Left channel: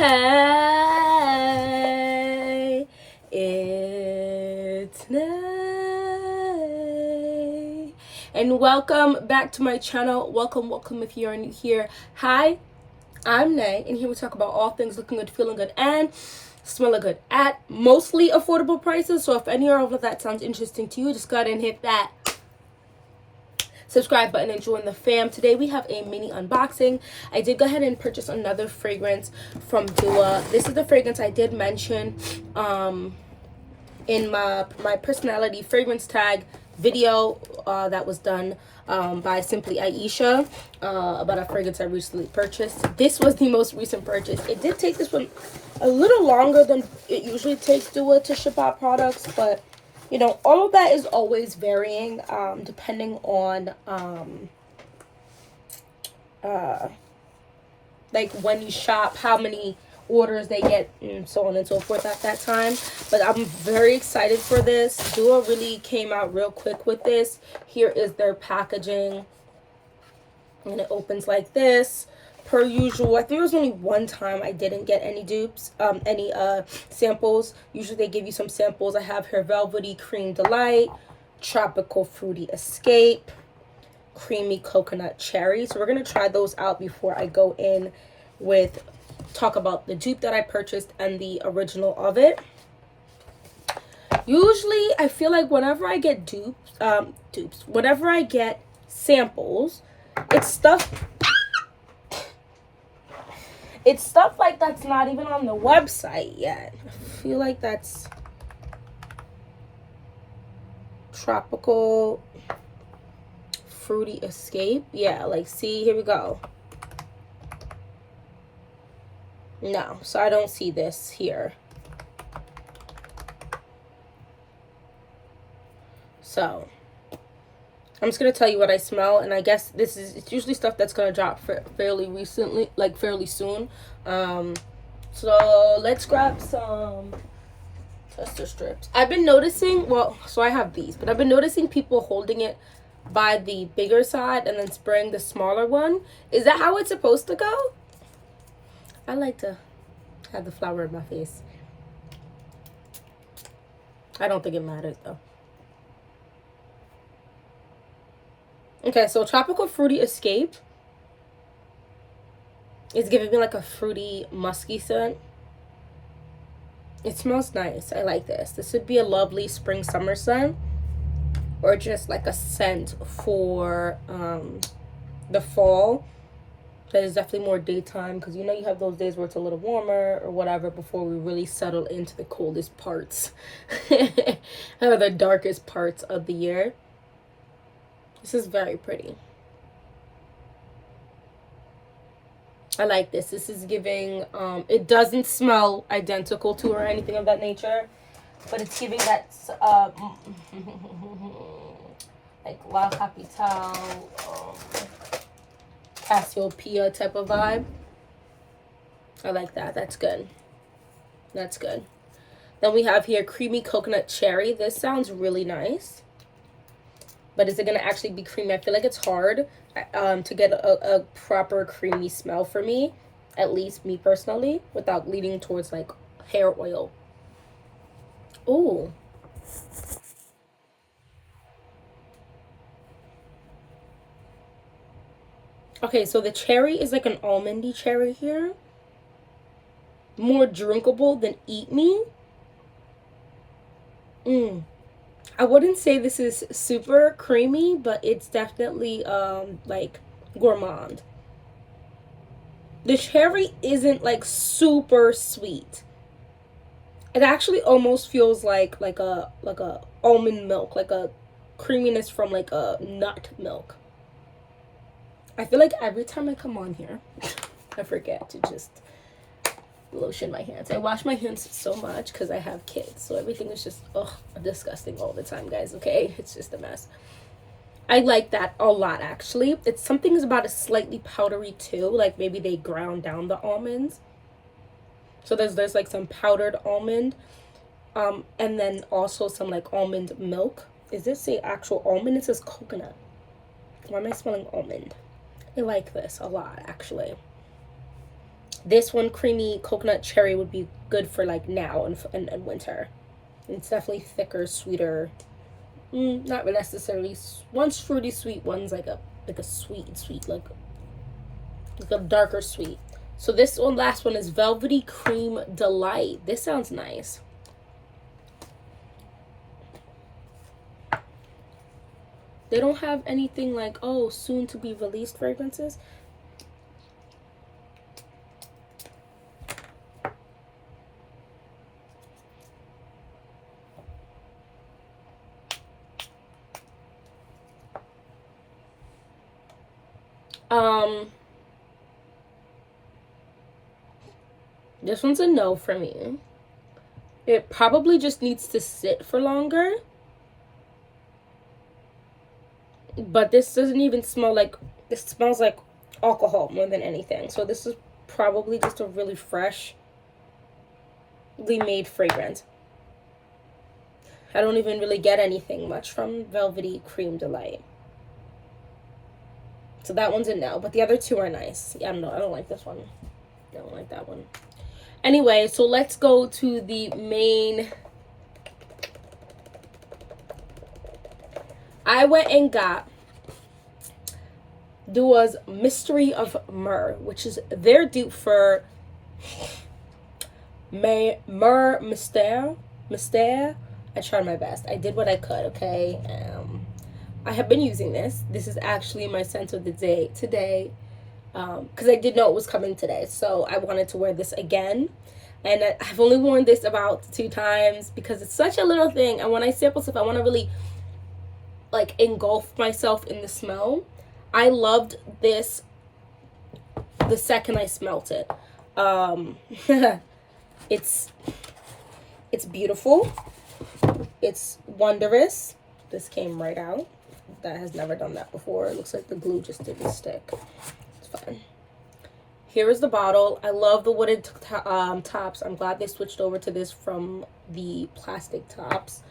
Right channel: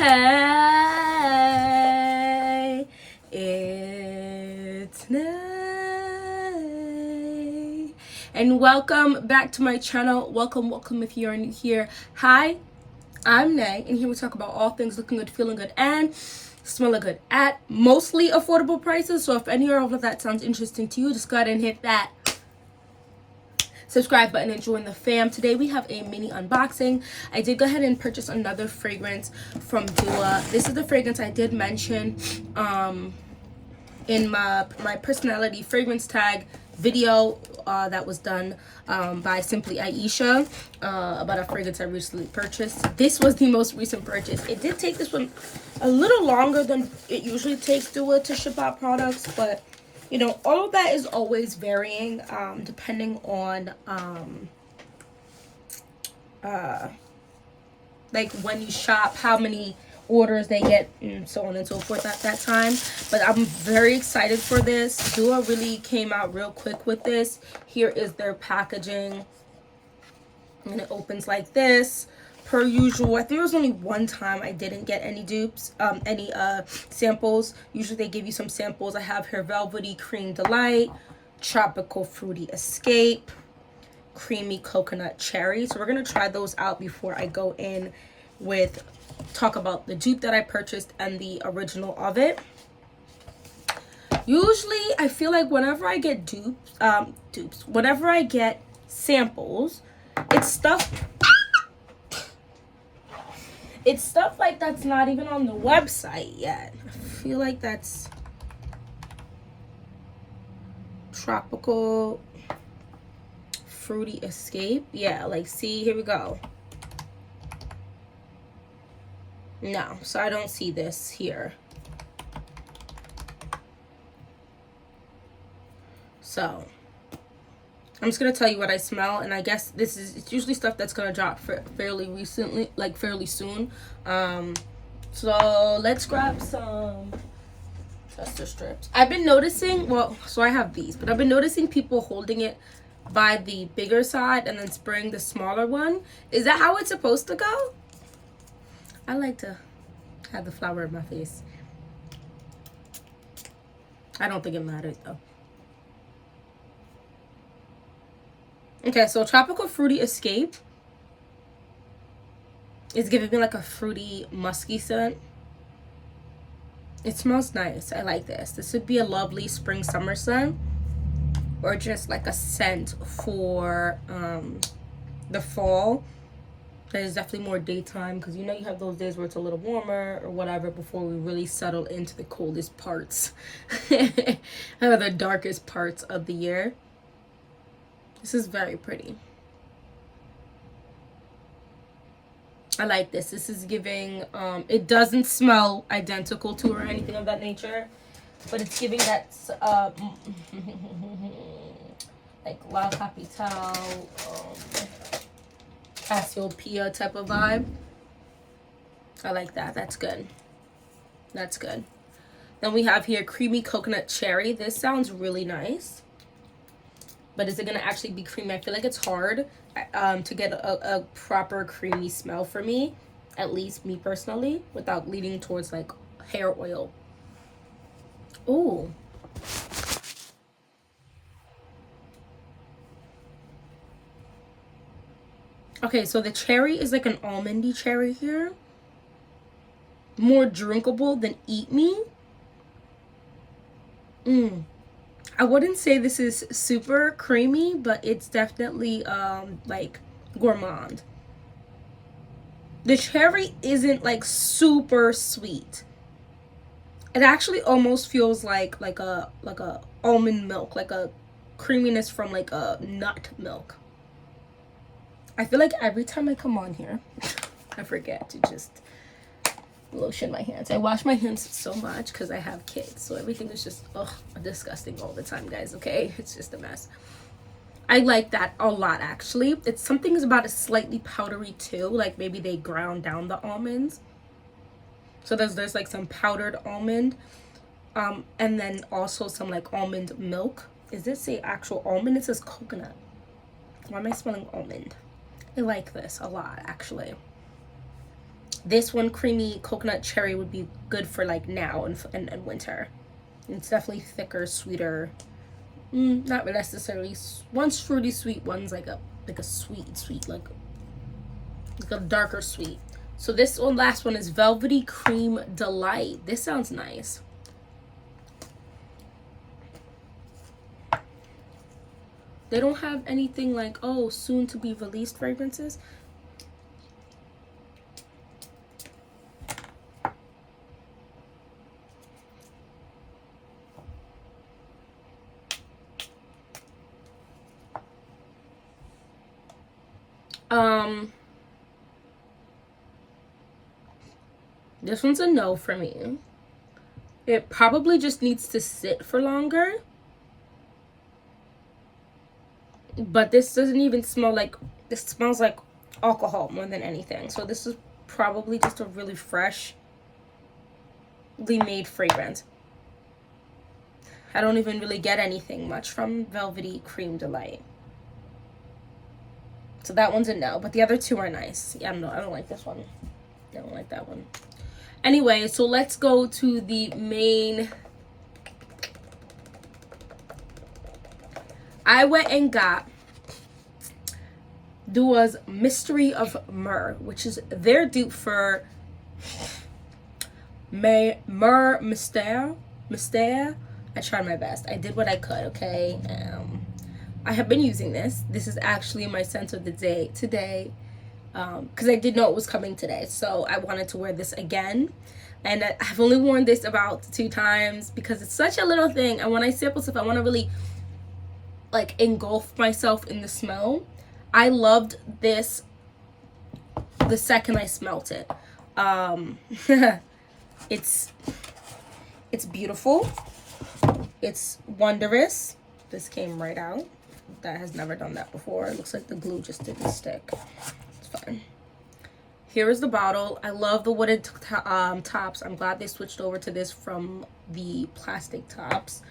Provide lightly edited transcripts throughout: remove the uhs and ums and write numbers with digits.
Hey, it's Nay, and welcome back to my channel. Welcome if you're new here. Hi, I'm Nay, and here we talk about all things looking good, feeling good, and smelling good at mostly affordable prices. So if any of that sounds interesting to you, just go ahead and hit that subscribe button and join the fam. Today we have a mini unboxing. I did go ahead and purchase another fragrance from Dupe. This is the fragrance I did mention in my personality fragrance tag video that was done by Simply Aisha about a fragrance I recently purchased. This was the most recent purchase. It did take this one a little longer than it usually takes Dupe to ship out products, but you know, all of that is always varying depending on like when you shop, how many orders they get, and so on and so forth at that time. But I'm very excited for this. Dupe really came out real quick with this. Here is their packaging, and it opens like this. Per usual, I think there was only one time I didn't get any dupes, any samples. Usually they give you some samples. I have here Velvety Cream Delight, Tropical Fruity Escape, Creamy Coconut Cherry. So we're gonna try those out before I go in with talk about the dupe that I purchased and the original of it. Usually I feel like whenever I get dupes, whenever I get samples, it's stuff like that's not even on the website yet. I feel like that's Tropical Fruity Escape. Yeah, like, see, here we go. No, so I don't see this here. So I'm just gonna tell you what I smell, and I guess it's usually stuff that's gonna drop fairly recently, like fairly soon. So let's grab some tester strips. I've been noticing, well, so I have these, but I've been noticing people holding it by the bigger side and then spraying the smaller one. Is that how it's supposed to go? I like to have the flower in my face. I don't think it matters though. Okay, so Tropical Fruity Escape is giving me like a fruity, musky scent. It smells nice. I like this. This would be a lovely spring, summer scent, or just like a scent for the fall. That is definitely more daytime, because you know you have those days where it's a little warmer or whatever before we really settle into the coldest parts or the darkest parts of the year. This is very pretty. I like this. This is giving, it doesn't smell identical to or anything of that nature, but it's giving that, like La Capitale, Cassiopeia type of vibe. I like that. That's good. That's good. Then we have here Creamy Coconut Cherry. This sounds really nice. But is it going to actually be creamy? I feel like it's hard to get a proper creamy smell for me, at least me personally, without leaning towards like hair oil. Ooh. Okay, so the cherry is like an almondy cherry here. More drinkable than eat me. I wouldn't say this is super creamy, but it's definitely like gourmand. The cherry isn't like super sweet. It actually almost feels like a almond milk, like a creaminess from like a nut milk. I feel like every time I come on here, I forget to just lotion my hands. I wash my hands so much because I have kids, so everything is just disgusting all the time, guys. Okay, it's just a mess. I like that a lot, actually. It's something about it slightly powdery too, like maybe they ground down the almonds, so there's like some powdered almond, and then also some like almond milk. Is this a actual almond? It says coconut. Why am I smelling almond? I like this a lot, actually. This one, creamy coconut cherry, would be good for like now and winter. It's definitely thicker, sweeter. Not necessarily. One's fruity sweet, one's like a sweet, like a darker sweet. So this one, last one, is Velvety Cream Delight. This sounds nice. They don't have anything like, oh, soon to be released fragrances. This one's a no for me. It probably just needs to sit for longer. But this doesn't even smell like, this smells like alcohol more than anything. So this is probably just a really freshly made fragrance. I don't even really get anything much from Velvety Cream Delight. So that one's a no, but the other two are nice. Yeah, no, I don't like this one. I don't like that one. Anyway, so let's go to the main. I went and got Dupe's Mystery of Myrrh, which is their dupe for MYRRHE MYSTERE. I tried my best. I did what I could, okay? I have been using this. This is actually my scent of the day today, because I did know it was coming today, so I wanted to wear this again. And I've only worn this about 2 times because it's such a little thing, and when I sample stuff, I want to really like engulf myself in the smell. I loved this the second I smelt it. It's beautiful. It's wondrous. This came right out. That has never done that before. It looks like the glue just didn't stick. It's fine. Here is the bottle. I love the wooden tops. I'm glad they switched over to this from the plastic tops.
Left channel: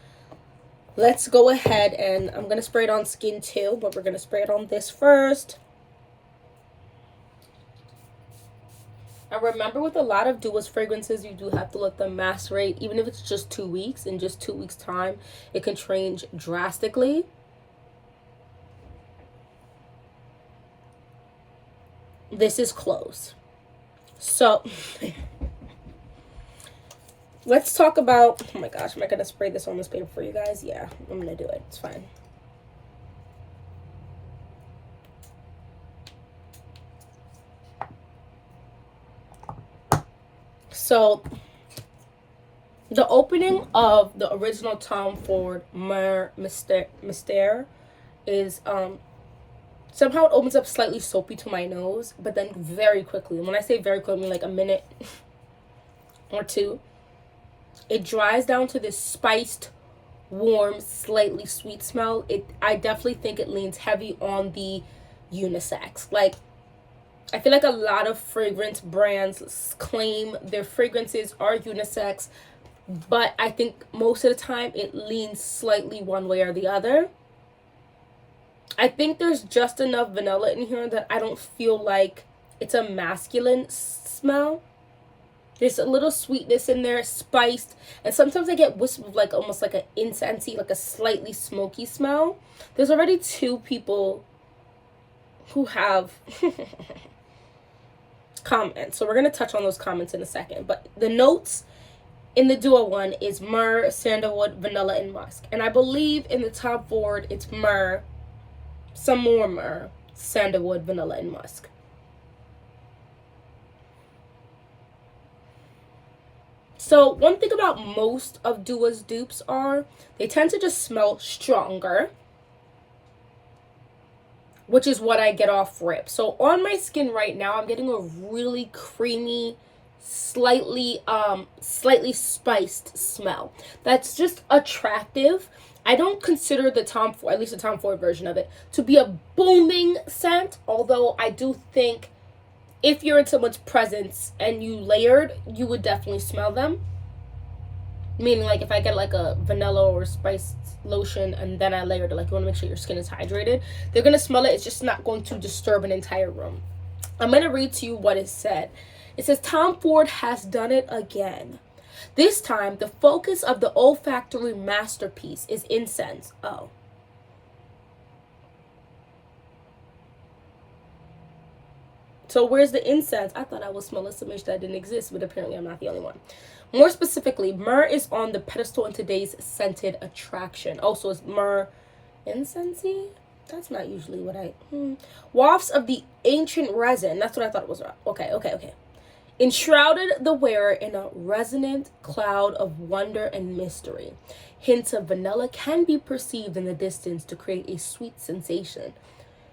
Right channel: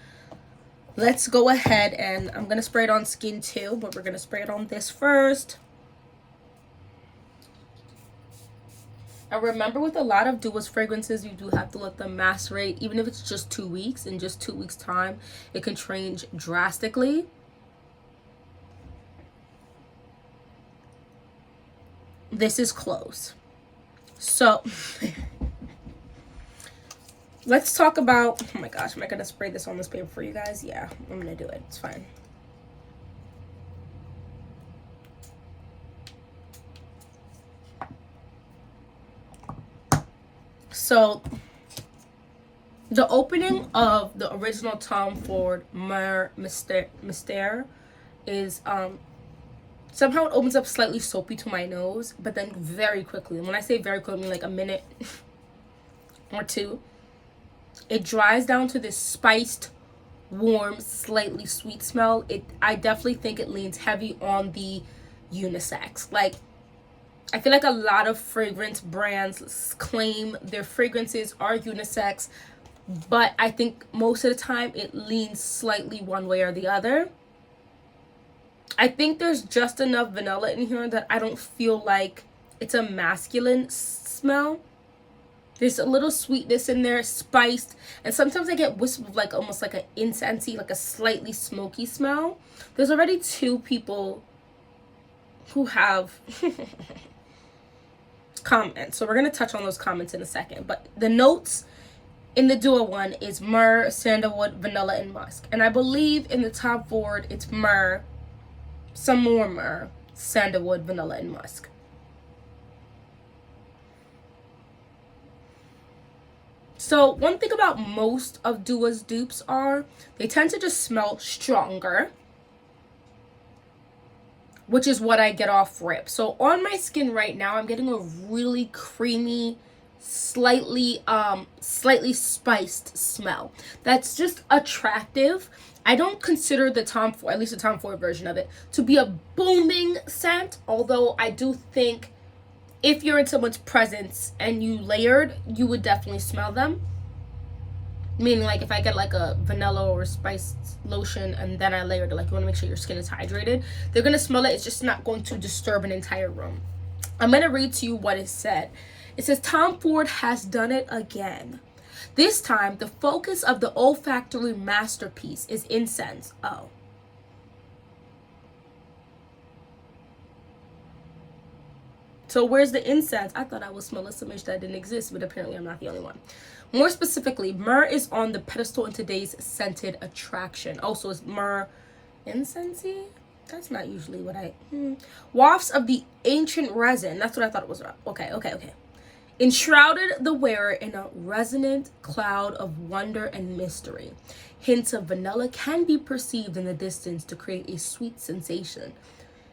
Let's go ahead, and I'm going to spray it on skin too, but we're going to spray it on this first. And remember, with a lot of Dupe's fragrances, you do have to let them macerate. Even if it's just 2 weeks, in just 2 weeks time, it can change drastically. This is close. So let's talk about, oh my gosh, am I gonna spray this on this paper for you guys? Yeah, I'm gonna do it. It's fine. So the opening of the original Tom Ford MYRRHE MYSTERE is somehow it opens up slightly soapy to my nose, but then very quickly, and when I say very quickly, I mean like a minute or two, it dries down to this spiced, warm, slightly sweet smell. I definitely think it leans heavy on the unisex. Like, I feel like a lot of fragrance brands claim their fragrances are unisex, but I think most of the time it leans slightly one way or the other. I think there's just enough vanilla in here that I don't feel like it's a masculine smell. There's a little sweetness in there, spiced, and sometimes I get wisps of like almost like an incensey, like a slightly smoky smell. There's already 2 people who have comments, so we're going to touch on those comments in a second. But the notes in the Dupe one is myrrh, sandalwood, vanilla, and musk. And I believe in the Tom Ford it's myrrh, some more myrrh, sandalwood, vanilla, and musk. So one thing about most of Dupe's dupes are they tend to just smell stronger, which is what I get off rip. So on my skin right now, I'm getting a really creamy, slightly spiced smell. That's just attractive. I don't consider the Tom Ford, at least the Tom Ford version of it, to be a booming scent, although I do think if you're in someone's presence and you layered, you would definitely smell them. Meaning, like, if I get like a vanilla or spiced lotion and then I layered it, like, you want to make sure your skin is hydrated, they're going to smell it. It's just not going to disturb an entire room. I'm going to read to you what it said. It says Tom Ford has done it again. This time, the focus of the olfactory masterpiece is incense. Oh. So where's the incense? I thought I was smelling some that didn't exist, but apparently I'm not the only one. More specifically, myrrh is on the pedestal in today's scented attraction. Oh, so it's myrrh incensey? That's not usually what I... Wafts of the ancient resin. That's what I thought it was. Okay. Enshrouded the wearer in a resonant cloud of wonder and mystery. Hints of vanilla can be perceived in the distance to create a sweet sensation.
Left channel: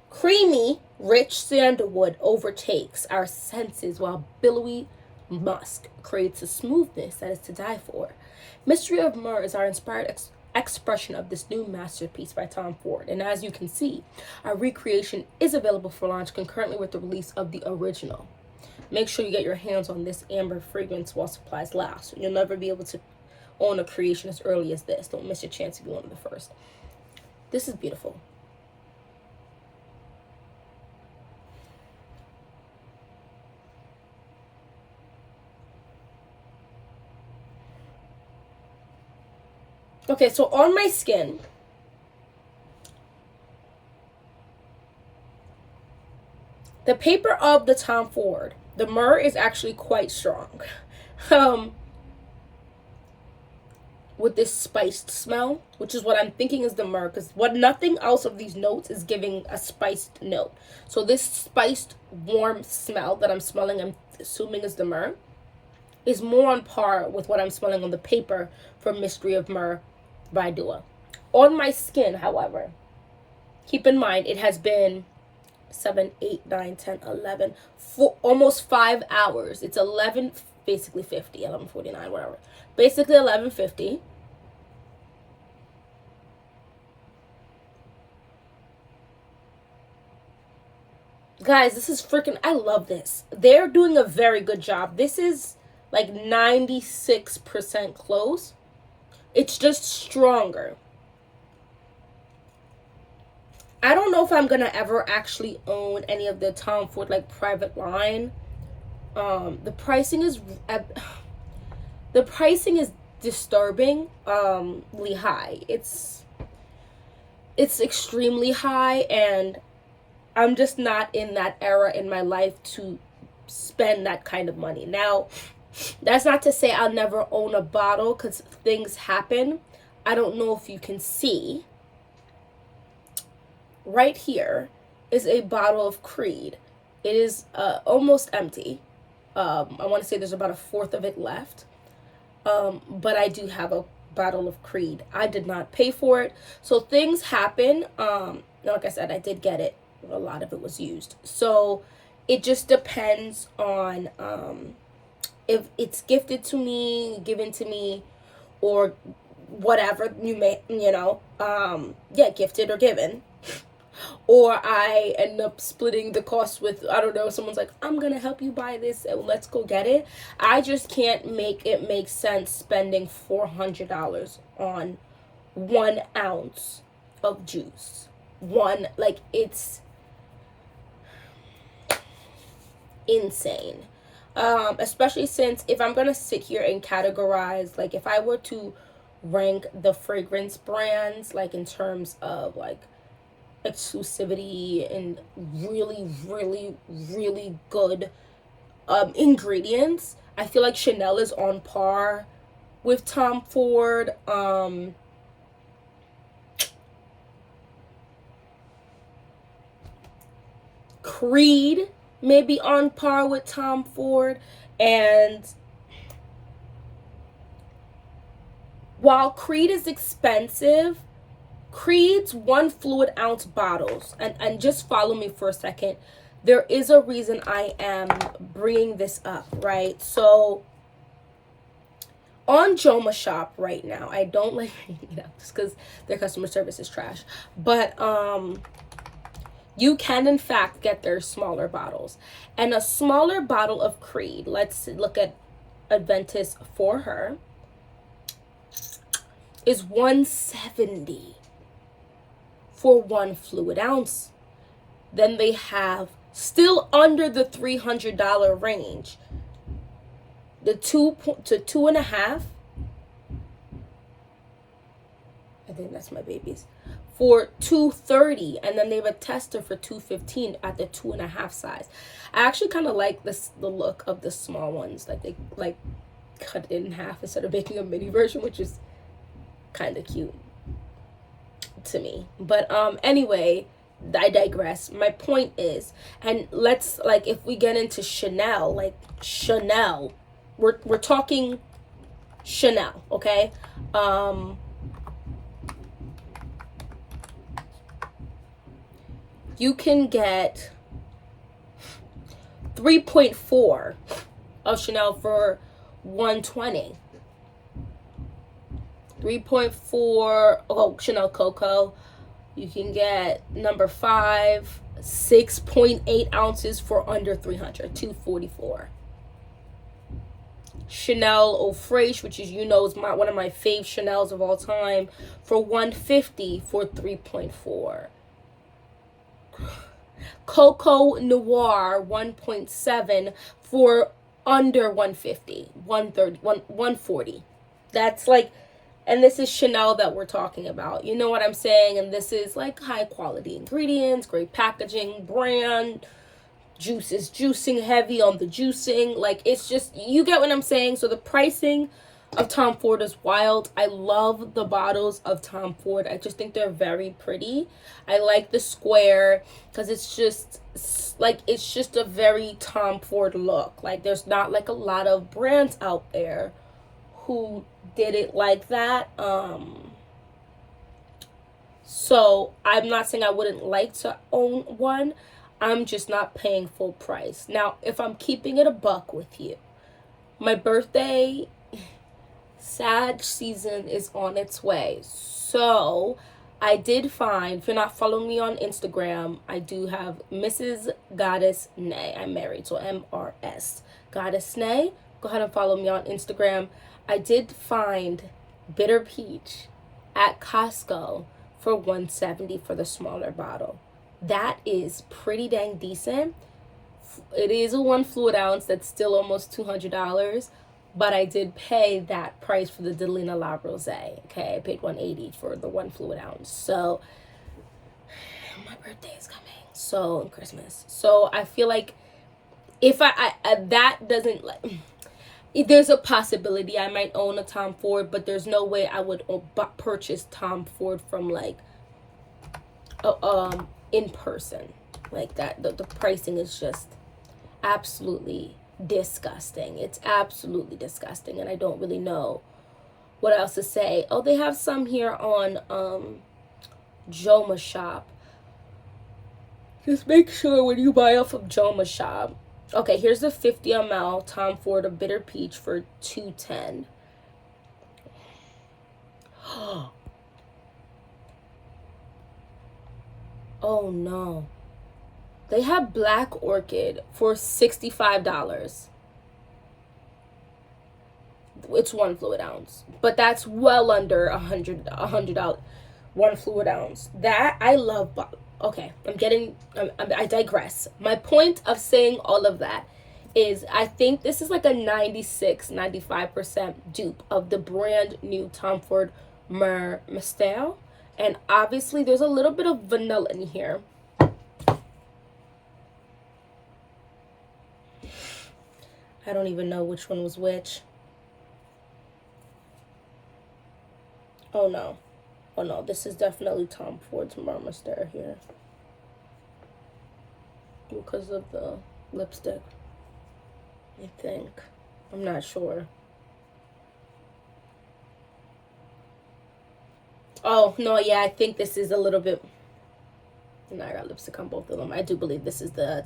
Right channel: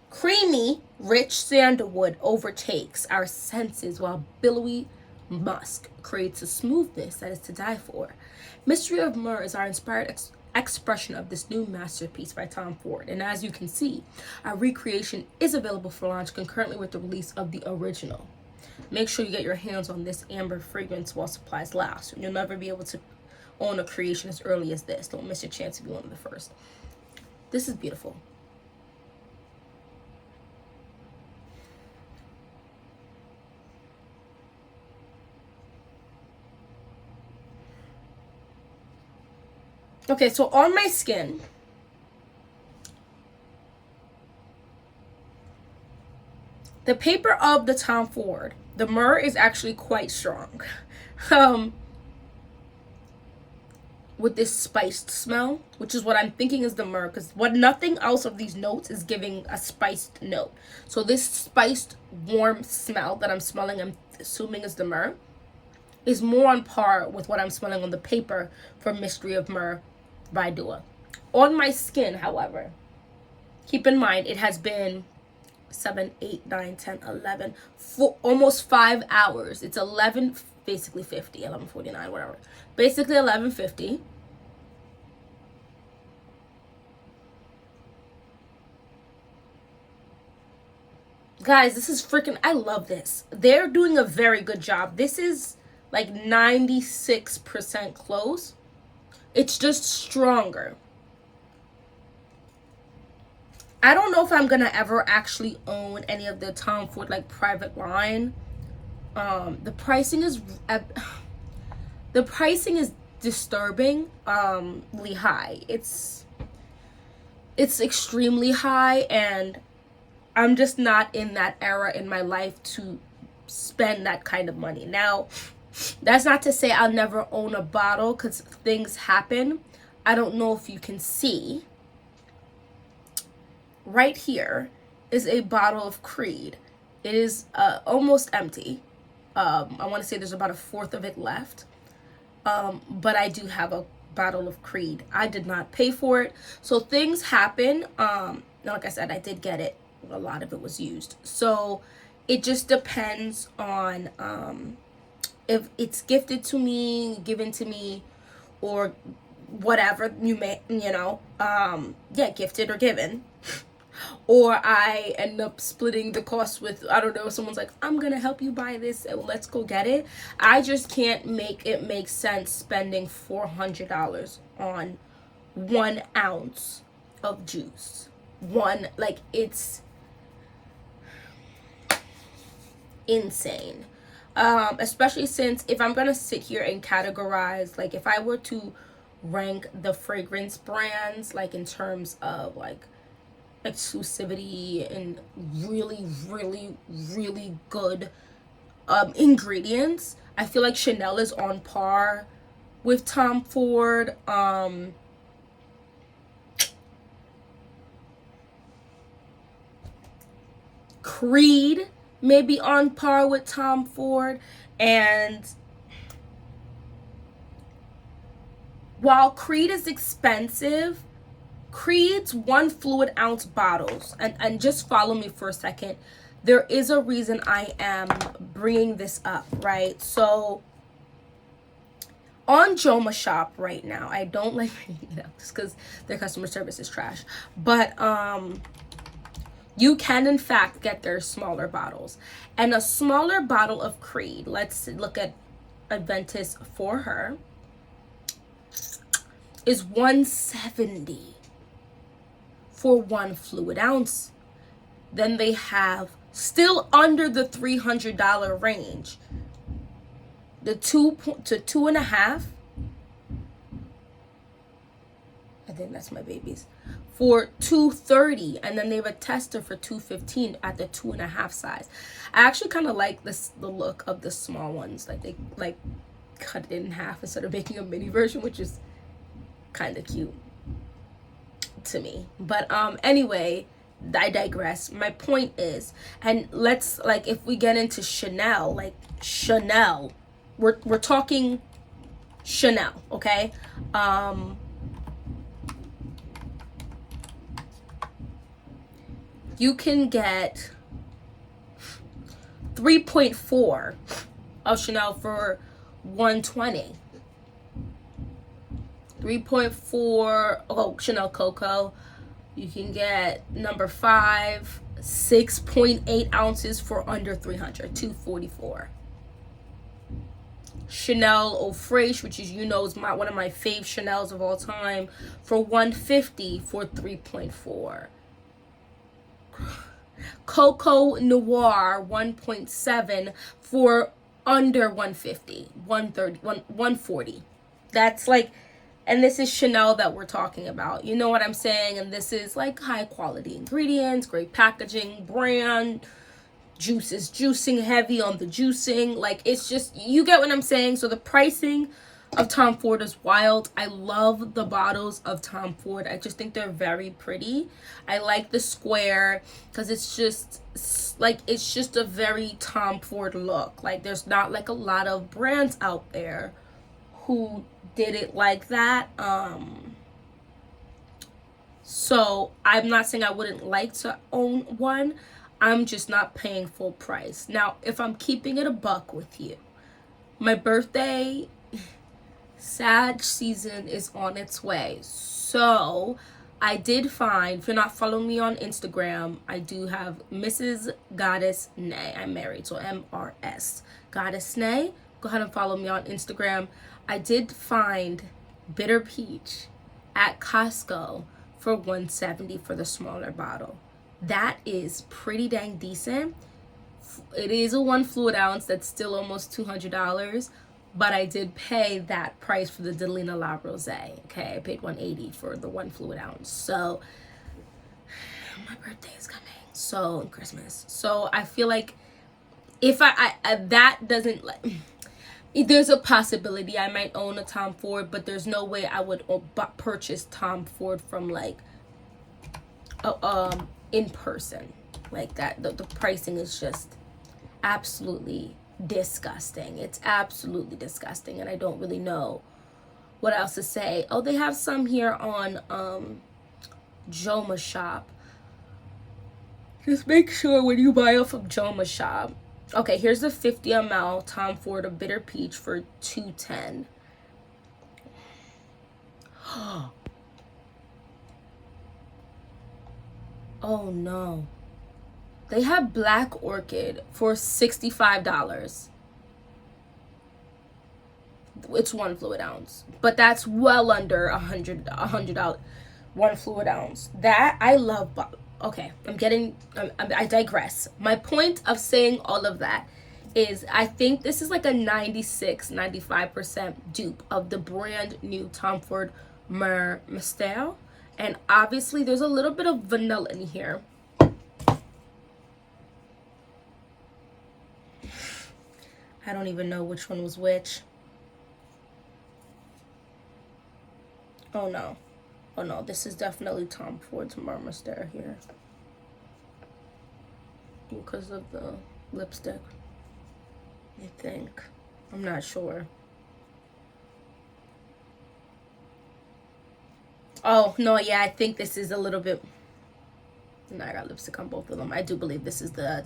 Creamy, rich sandalwood overtakes our senses while billowy musk creates a smoothness that is to die for. Mystery of Myrrh is our inspired expression of this new masterpiece by Tom Ford. And as you can see, our recreation is available for launch concurrently with the release of the original. Make sure you get your hands on this amber fragrance while supplies last. You'll never be able to own a creation as early as this. Don't miss your chance to be one of the first. This is beautiful. Okay, so on my skin, the paper of the Tom Ford, the myrrh is actually quite strong. With this spiced smell, which is what I'm thinking is the myrrh, because nothing else of these notes is giving a spiced note. So this spiced, warm smell that I'm smelling, I'm assuming is the myrrh, is more on par with what I'm smelling on the paper for Mystery of Myrrh by Dua. On my skin, however, keep in mind it has been 7, 8, 9, 10, 11, for almost 5 hours. It's 11, basically 50, 11:49, whatever. Basically 11:50. Guys, this is freaking, I love this. They're doing a very good job. This is like 96% close. It's just stronger. I don't know if I'm gonna ever actually own any of the Tom Ford like private line. The pricing is disturbingly high. It's extremely high, and I'm just not in that era in my life to spend that kind of money. Now, that's not to say I'll never own a bottle, because things happen. I don't know if you can see. Right here is a bottle of Creed. It is almost empty. I want to say there's about 1/4 of it left. But I do have a bottle of Creed. I did not pay for it. So things happen. Like I said, I did get it. A lot of it was used. So it just depends on if it's gifted to me, given to me, or whatever you may, gifted or given. Or I end up splitting the cost with, I don't know, someone's like, I'm gonna help you buy this and let's go get it. I just can't make it make sense spending $400 on 1 ounce of juice. It's insane. Especially since if I'm gonna sit here and categorize, like if I were to rank the fragrance brands, like in terms of like exclusivity and really, really, really good ingredients, I feel like Chanel is on par with Tom Ford. Creed may be on par with Tom Ford, and while Creed is expensive, Creed's 1 fluid ounce bottles, and just follow me for a second, there is a reason I am bringing this up, right? So on Joma Shop right now, I don't like bringing it up just because their customer service is trash, but you can in fact get their smaller bottles, and a smaller bottle of Creed, let's look at Adventus for her, is $170 for 1 fluid ounce. Then they have, still under the $300 range, the 2 to 2.5. I think that's my baby's. For $230, and then they have a tester for $215 at the 2.5 size. I actually kind of like the look of the small ones. Like they like cut it in half instead of making a mini version, which is kind of cute to me. But anyway, I digress. My point is, and let's, like, if we get into Chanel, like Chanel, we're talking Chanel, okay? You can get 3.4 of Chanel for $120. 3.4, oh, Cleo Co. You can get number 5, 6.8 ounces for under $300, $244. Chanel Eau Fraiche, which is, is one of my fave Chanels of all time, for $150 for 3.4. Coco Noir 1.7 for under $150, $140. That's like, and this is Chanel that we're talking about. You know what I'm saying? And this is like high quality ingredients, great packaging, brand, juices, juicing, heavy on the juicing. Like, it's just, you get what I'm saying? So the pricing of Tom Ford is wild. I love the bottles of Tom Ford. I just think they're very pretty. I like the square because it's just like, it's just a very Tom Ford look. Like, there's not like a lot of brands out there who did it like that. So I'm not saying I wouldn't like to own one. I'm just not paying full price. Now, if I'm keeping it a buck with you, my birthday, Sag season is on its way. So I did find, if you're not following me on Instagram, I do have Mrs. Goddess Nay. I'm married, so MRS Goddess Nay. Go ahead and follow me on Instagram. I did find Bitter Peach at Costco for $170 for the smaller bottle. That is pretty dang decent. It is a 1 fluid ounce. That's still almost $200. But I did pay that price for the Delina La Rose. Okay, I paid $180 for the 1 fluid ounce. So my birthday is coming. So, and Christmas. So I feel like if I that doesn't, like, there's a possibility I might own a Tom Ford, but there's no way I would purchase Tom Ford from like in person like that. The pricing is just absolutely disgusting. It's absolutely disgusting, and I don't really know what else to say. Oh, they have some here on Joma Shop. Just make sure when you buy off of Joma Shop. Okay, here's the 50 ml Tom Ford of Bitter Peach for $210. Oh no. They have Black Orchid for $65. It's 1 fluid ounce, but that's well under $100. 1 fluid ounce. That I love. Okay, I digress. My point of saying all of that is I think this is like a 96-95% dupe of the brand new Tom Ford Myrrh MYSTERE, and obviously there's a little bit of vanilla in here. I don't even know which one was which. Oh no. Oh no, this is definitely Tom Ford's Myrrh MYSTERE here. Because of the lipstick, I think. I'm not sure. Oh, no, yeah, I think this is a little bit... No, I got lipstick on both of them. I do believe this is the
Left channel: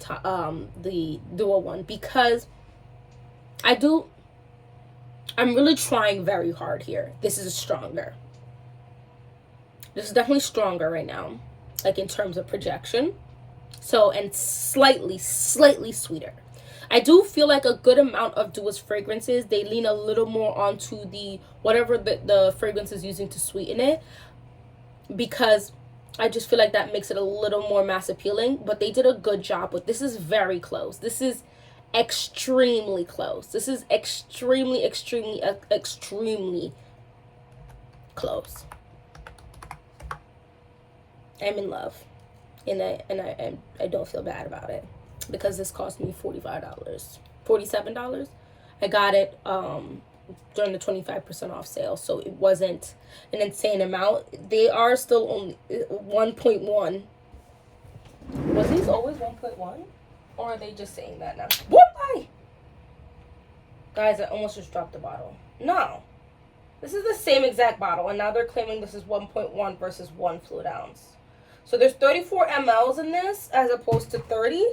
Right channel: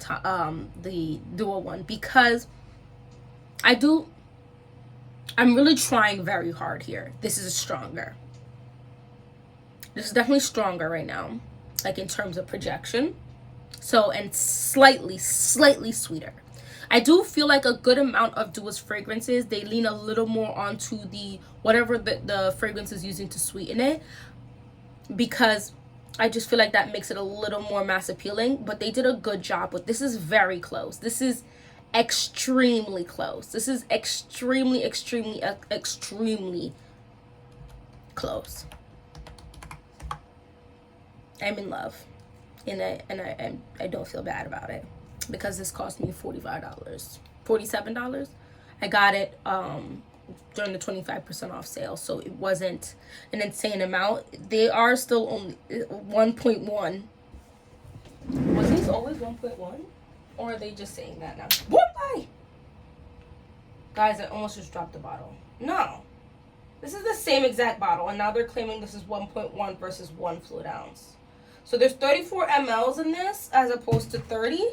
duo one, because I'm really trying very hard here. This is stronger. This is definitely stronger right now, like in terms of projection. So, and slightly sweeter. I do feel like a good amount of Dua's fragrances, they lean a little more onto the whatever the fragrance is using to sweeten it, because I just feel like that makes it a little more mass appealing. But they did a good job with this. Is very close. This is extremely close. This is extremely, extremely, extremely close. I'm in love, and I don't feel bad about it because this cost me $45, $47. I got it during the 25% off sale, so it wasn't an insane amount. They are still only 1.1. Was these always 1.1, or are they just saying that now? Whoop! Guys, I almost just dropped the bottle. No, this is the same exact bottle, and now they're claiming this is 1.1 versus 1 fluid ounce. So there's 34 mLs in this as opposed to 30.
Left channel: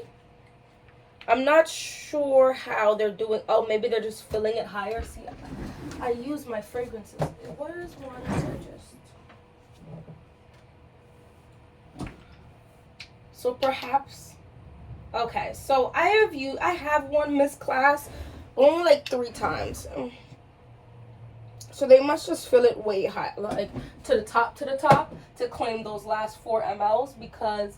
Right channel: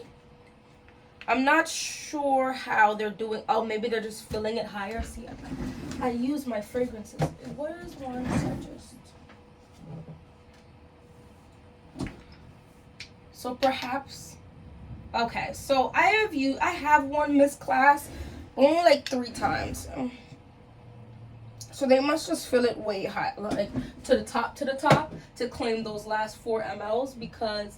I'm not sure how they're doing. Oh, maybe they're just filling it higher. See, I use my fragrances. Where is one suggest? So perhaps. Okay, so I have worn Miss Class only like 3 times. So they must just fill it way high, like to the top, to claim those last 4 mLs, because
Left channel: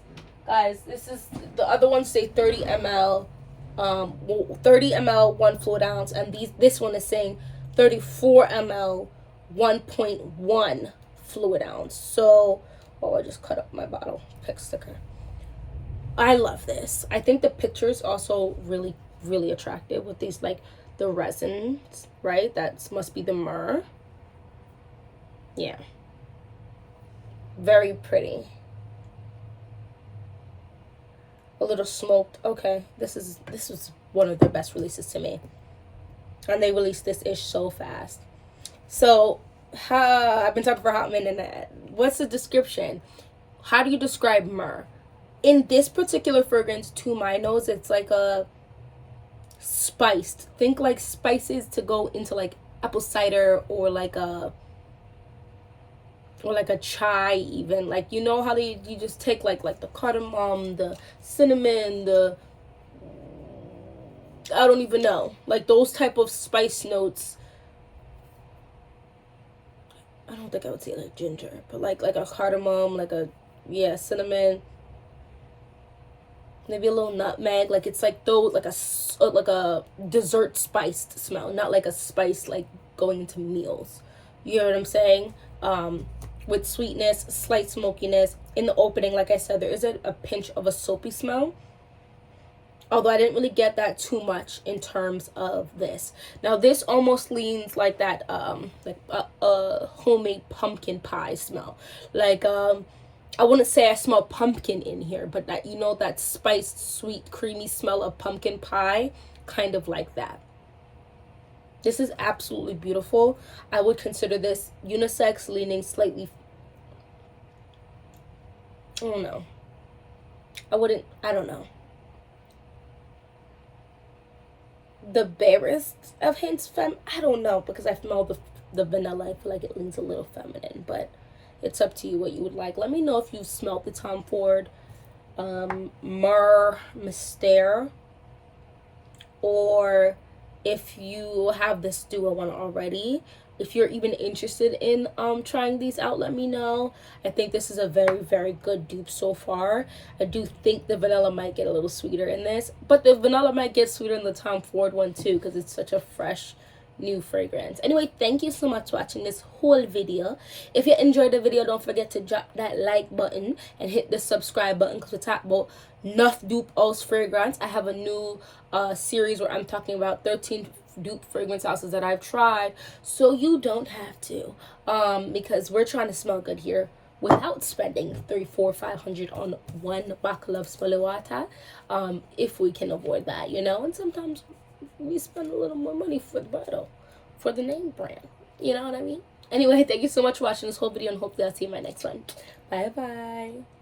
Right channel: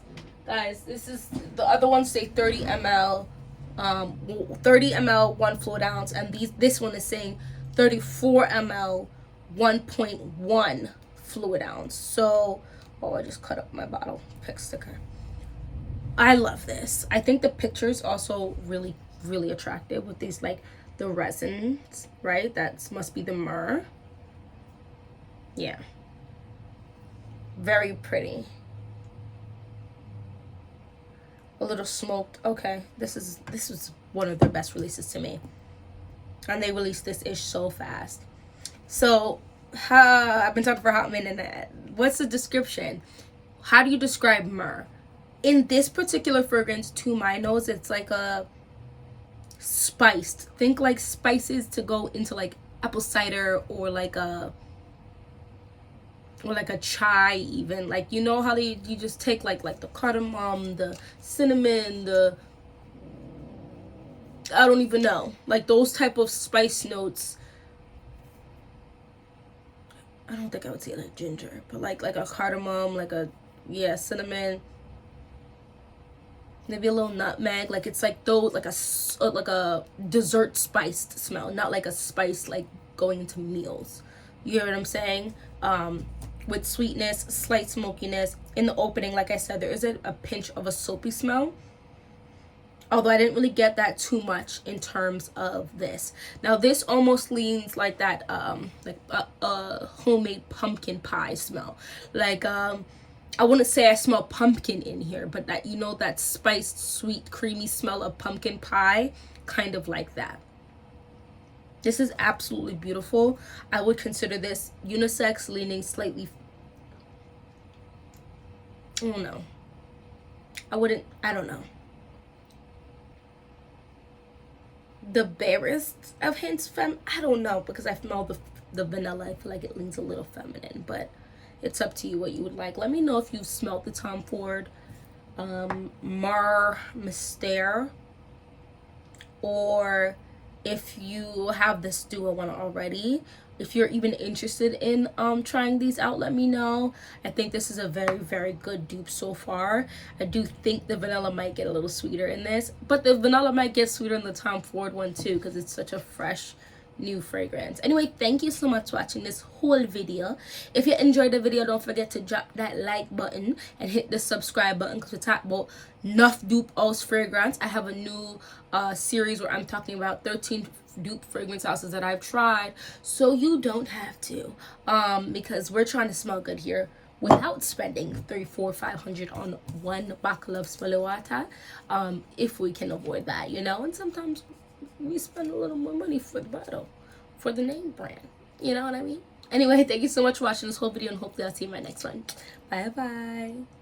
guys, this is, the other ones say 30 ml, 30 ml 1 fluid ounce, and this one is saying 34 ml 1.1 fluid ounce. So, oh, I just cut up my bottle pick sticker. I love this. I think the picture's also really, really attractive with these, like, the resins, right? That must be the myrrh. Yeah. Very pretty. A little smoked. Okay, this was one of their best releases to me. And they released this ish so fast. So, I've been talking for a hot minute. What's the description? How do you describe myrrh? In this particular fragrance, to my nose, it's like a spiced. Think like spices to go into like apple cider, or like a chai even. Like, you know how you just take like the cardamom, the cinnamon, I don't even know. Like those type of spice notes. I don't think I would say like ginger, but like a cardamom, like a, yeah, cinnamon. Maybe a little nutmeg. Like it's like those, like a dessert spiced smell, not like a spice like going into meals. You hear what I'm saying? With sweetness, slight smokiness. In the opening, like I said, there is a pinch of a soapy smell, although I didn't really get that too much in terms of this. Now this almost leans like that homemade pumpkin pie smell. Like I wouldn't say I smell pumpkin in here, but that, you know, that spiced, sweet, creamy smell of pumpkin pie, kind of like that. This is absolutely beautiful. I would consider this unisex, leaning slightly, I don't know. I don't know. The barest of hints, I don't know, because I smell the vanilla. I feel like it leans a little feminine, but it's up to you what you would like. Let me know if you've smelled the Tom Ford MYRRHE MYSTERE, or if you have this duo one already. If you're even interested in trying these out, let me know. I think this is a very, very good dupe so far. I do think the vanilla might get a little sweeter in this, but the vanilla might get sweeter in the Tom Ford one too, because it's such a fresh new fragrance. Anyway, thank you so much for watching this whole video. If you enjoyed the video, don't forget to drop that like button and hit the subscribe button, because we talk about enough dupe house fragrance. I have a new series where I'm talking about 13 dupe fragrance houses that I've tried, so you don't have to, because we're trying to smell good here without spending $300, $400, $500 on one bottle of smelly water, if we can avoid that, you know. And sometimes we spend a little more money for the bottle, for the name brand, you know what I mean? Anyway, thank you so much for watching this whole video, and hopefully I'll see you in my next one. Bye bye.